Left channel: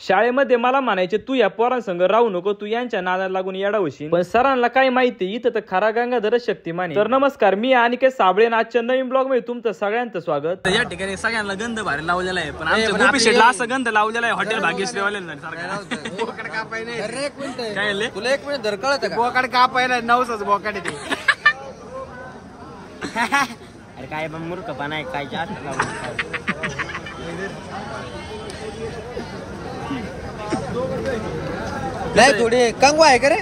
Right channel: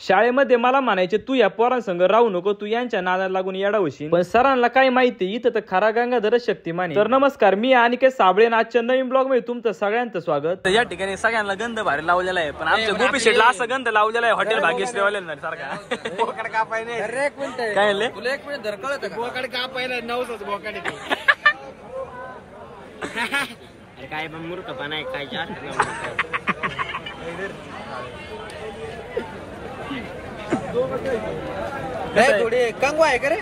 शाळेमध्ये मला म्हणायचे तू या पोरांसंग राहू नको, तू यांच्या नादाला लागून येडा होशील. पण सरांना काय माहिती, इथं तर खरा गंगाधरच शक्तिमान आहे. तर नमस्कार, मी अनिकेत साबळे, आजच्या नवीन ब्लॉग मध्ये तुमचं सगळ्यांचं स्वागत. या ठिकाणी सगळ्यांना गंध भारी लावलेला आहे, पण आमच्या गोपी शेटला असं गंध लावलेला आहे हॉटेल भाग्यश्री वाल्याला सारखा. काय तुला एक मिनिट धरकळत बोकाड कापायला नवसच बोकाड येते. अरे काय पण मूर्खपणा आहे काय जास्त थोडी कंगवा आहे का रे?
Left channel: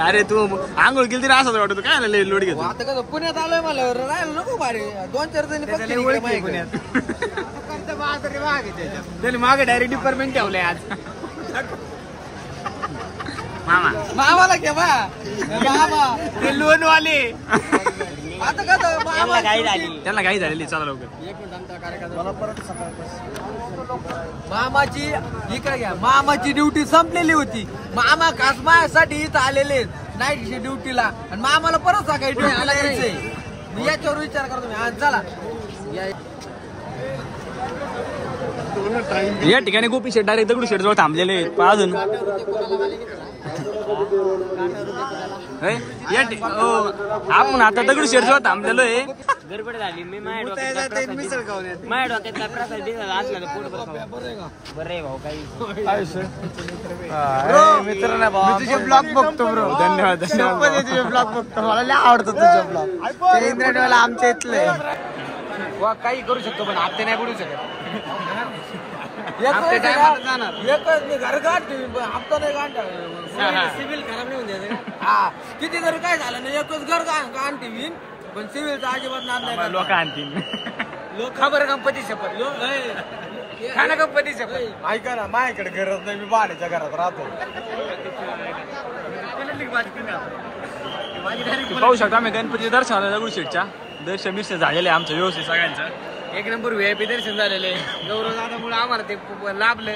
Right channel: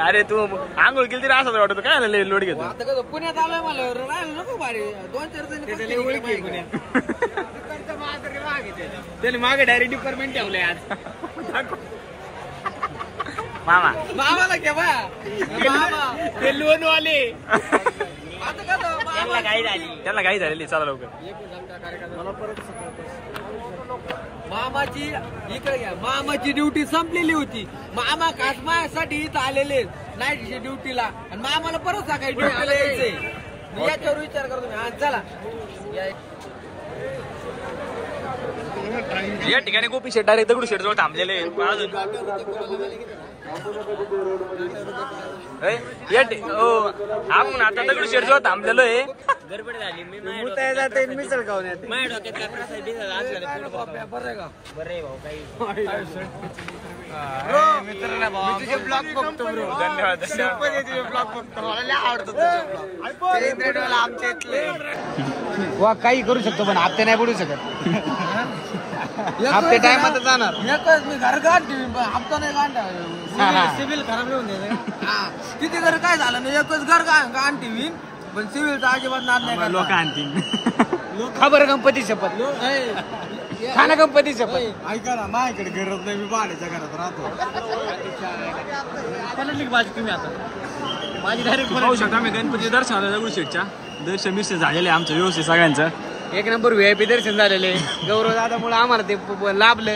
अरे तू आंघोळ केली तरी असं वाटत काय लोड घेतो. आता कसं पुण्यात आलोय मला राहायला नको भारी 2-4 जणी ओळखी पुण्यात. त्याने मागे डायरेक्ट डिपार्टमेंट ठेवलंय आज. मामा मामाला घे बा मामा ते लोन वाले आता कसं मामा त्यांना काही झालेली. चला लवकर. मला परत मामाची इकडे घ्या. मामाची ड्युटी संपलेली होती. मामा खास माझ्यासाठी इथं आलेले नाईट ड्युटीला आणि मामाला परत सकाळी ड्युटीला यायचंय. मी याच्यावर विचार करतो मी. आज चला या ठिकाणी गोपी शेट डायरेक्ट दगडू शेट जवळ थांबलेले अजून. आपण आता दगडू शेट जवळ थांबलेलो आहे. गडबड झाली. मी माझ्या डोक्यात काय प्रसाद दिला असला तर पोट बरं आहे भाऊ काही. तुझे ब्लॉग बघतो ब्रो. धन्यवाद धन्यवाद. तुझे ब्लॉग बघतो. मला लय आवडतो तुझे ब्लॉग. ते इंटरनेटवाला आमच्या इथले काही करू शकतो पण हप्ते नाही पडू शकत. हप्ते टाइम जाणार एकच मी घर गाठ हप्ता नाही गांठा. सिव्हिल खराब नाही होऊन हा किती जर काय झालं नाही एकच घर गाण ठेवीन पण सिव्हिलचा अजिबात नाद नाही. लोक आणतील खबर गणपती शपथ खाना गणपती शपथ. ऐका ना माझ्याकडे गरज नाही. मी बालीच्या घरात राहतो. पाहू शकता आम्ही गणपती दर्शनाला दगडू शेटच्या दर्शन बिर्शन झालेलं आहे आमचं व्यवस्थित सगळ्यांचं. एक नंबर VIP दर्शन झालेले. गौरव दादामुळे आम्हाला ते लाभलं.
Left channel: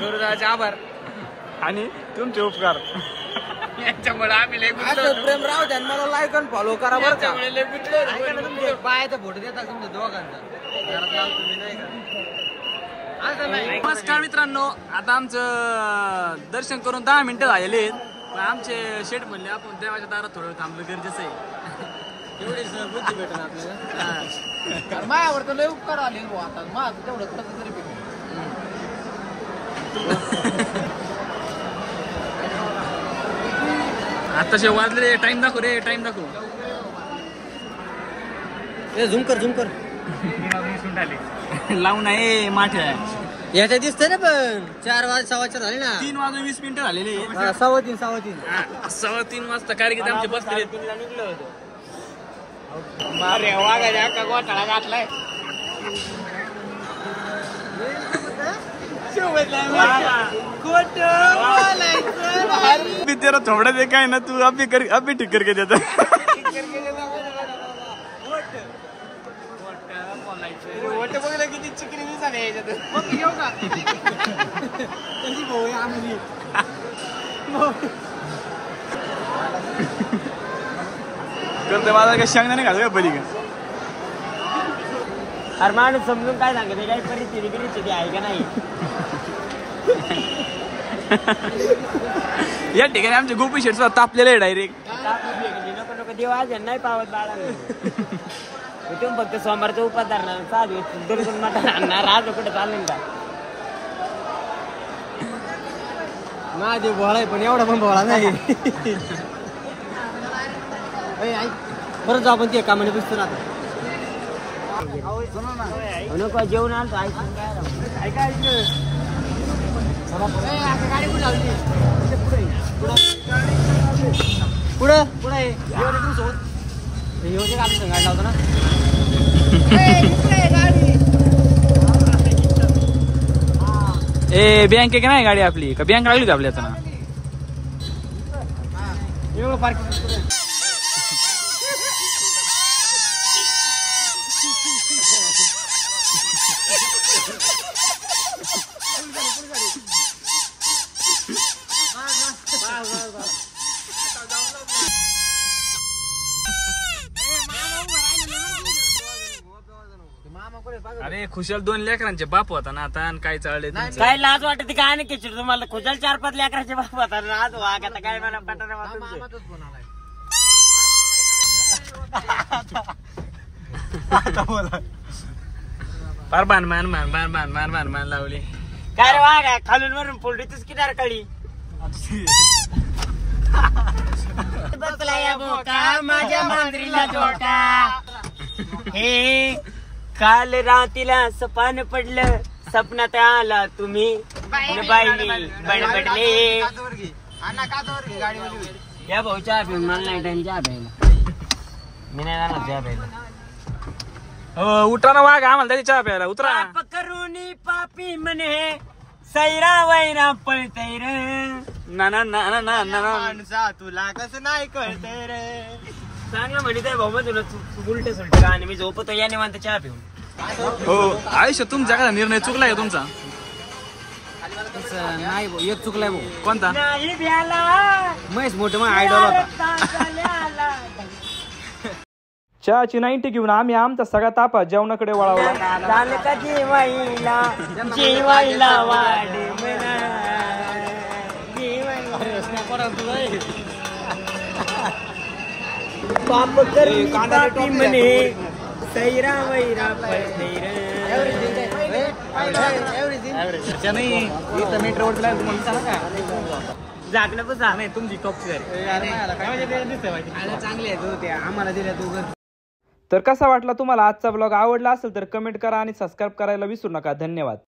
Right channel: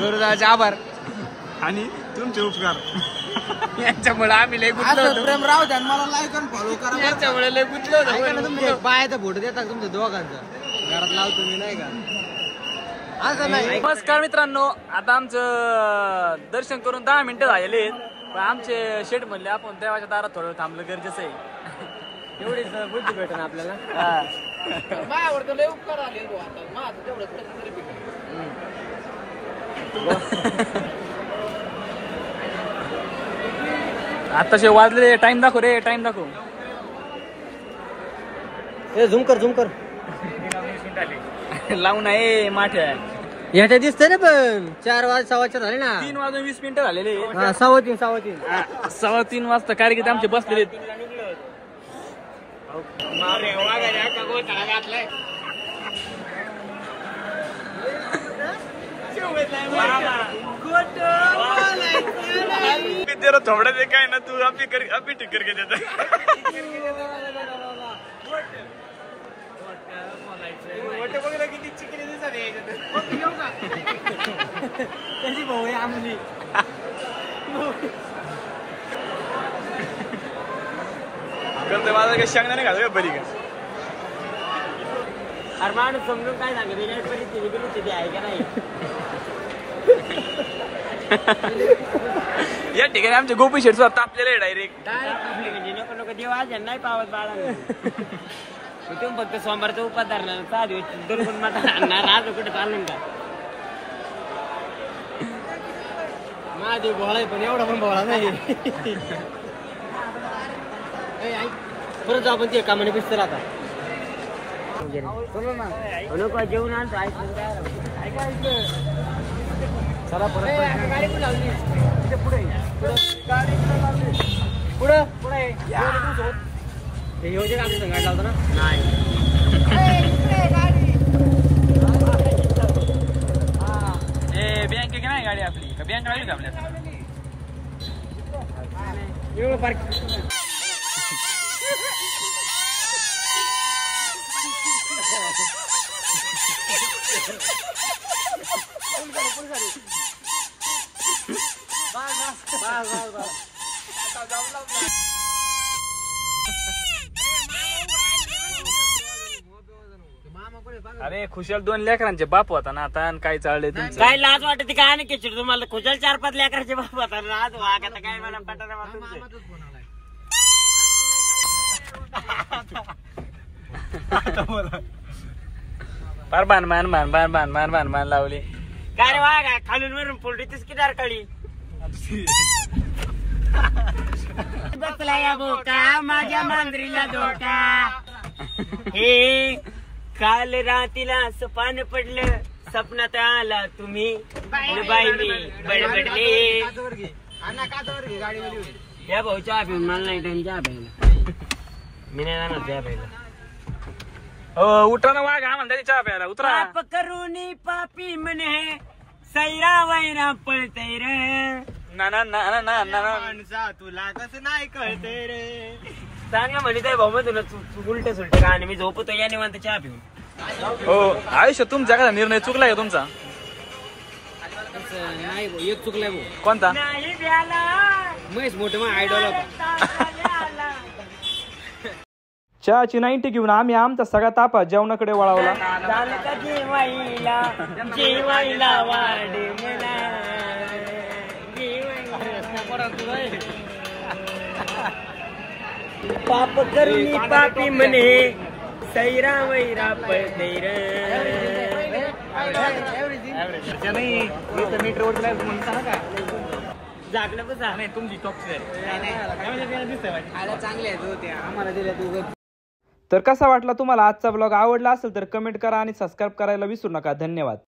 गौरव दादाचे आभार आणि तुमचे उपकार. यांच्यामुळे आम्ही लय गुंतलो. प्रेम राव द्या मला लाईक आणि फॉलो करा. यांच्यामुळे लय गुंतलो. बायचा फोटो देता तुमच्या दोघांचा. नमस्कार मित्रांनो, आता आमचं दर्शन करून 10 मिनिटं झालेले आहेत. पण आमचे शेट म्हणले आपण देवाच्या दारात थोडं थांबलं गरजेचं आहे. मायावर तर लय उपकार आले आता. माझं तेवढं कसं तरी आताशे वाजले. टाइम दाखव रे, टाइम दाखव. झूम कर लावून आहे माठ्या. याच्या दिसतंय ना पण 4 वाजता झाले ना. 3 वाजून 20 मिनिटं झालेले. 3:15 वाजता कार्यक्रम आमचे बसले. घोटाळा घातलाय. तेरा थोड़ा देखा है ना तू. अभी ठीक करके देता. किती चिकनी झाले त्याची भाऊ आहे आमली. तर मला काय शेंगदा नाही घालू बरी का. अरे माणूस समजून काय सांगते काय परिस्थिती आहे का नाही. या ठिकाणी आमचे गोपी शेट तापलेले आहे डायरेक्ट. नको नको देव आज नाही पावत बाळांना. तुम्ही फक्त सोमवारचा उपास धरणार 6 दिवस दुर्गुण मटण आणणार. आज कुठे चालेल का. माझे भोळा आहे पण एवढा पण भोळा नाही. परत जाऊ आपण ते कामाने बिस्तर आता नको जेवण आणतो. ऐका पुढं पुढे योजना गाडी लावतो ना. ए बँक की नाही गाडी आपली का बँक लागली का आपल्या आता ना. एवढं पार्क अरे खुशाल 2 लेकरांचे बाप होता ना आता, आणि काय चाललंय तुमचं? काय लाज वाटते काय नाही किचड तुम्हाला खुशाल 4-5 लेकराचे बाप होता ना, आज वाघ आता काय मला पटाना तुमचे. फार मान लावली. काय रे वाघ खालून वरून पोल्ट्रीच किनार काळी बसला या बोका माझ्या मांजरीला धोका. हे काल रातीला सपान पडलं, सपनात आला तुम्ही बाईली बडबडले. या भाऊ चहा पिऊन मला नाही टाइम चहा प्यायला, मी नाही जाणार चहा प्यायला. हो उठा ना वाघ, आम्हाला त्याची चहा प्यायला उतरा. पाप करूनी पापी म्हणे सैरा वैरा पळतय रे. ना ना ना ना ना ना ना. माणसा तुला कसं नाही कळतंय रे. चांगला म्हणते भाऊ मग तुला उलट सुलट गाणे मी झोपतो या निवांत चहा पिऊन. हो आयुष्य तुमच्या का निर्णय चुकलाय का तुमचा? नाही भाऊ, एक चुकलाय भाऊ. कोणता? नाही भ्याला महेश मोठे मग आयडॉल होता. चहाची 90 घेऊन आम्ही आमचा सगळा तापा जेवणाकडे वळवला. झालं का जेवायला जेवायला वाढ म्हणा पाप करणी पापी म्हणे सैरा वैरा पळते रे. जागलं बसा नाही तुमची टॉपची चांगले आहेत आम्हाला दिल्या. तर कसा वाटला तुम्हाला आजचा ब्लॉग? आवडला असेल तर कमेंट करा आणि सबस्क्राईब करायला विसरू नका. धन्यवाद.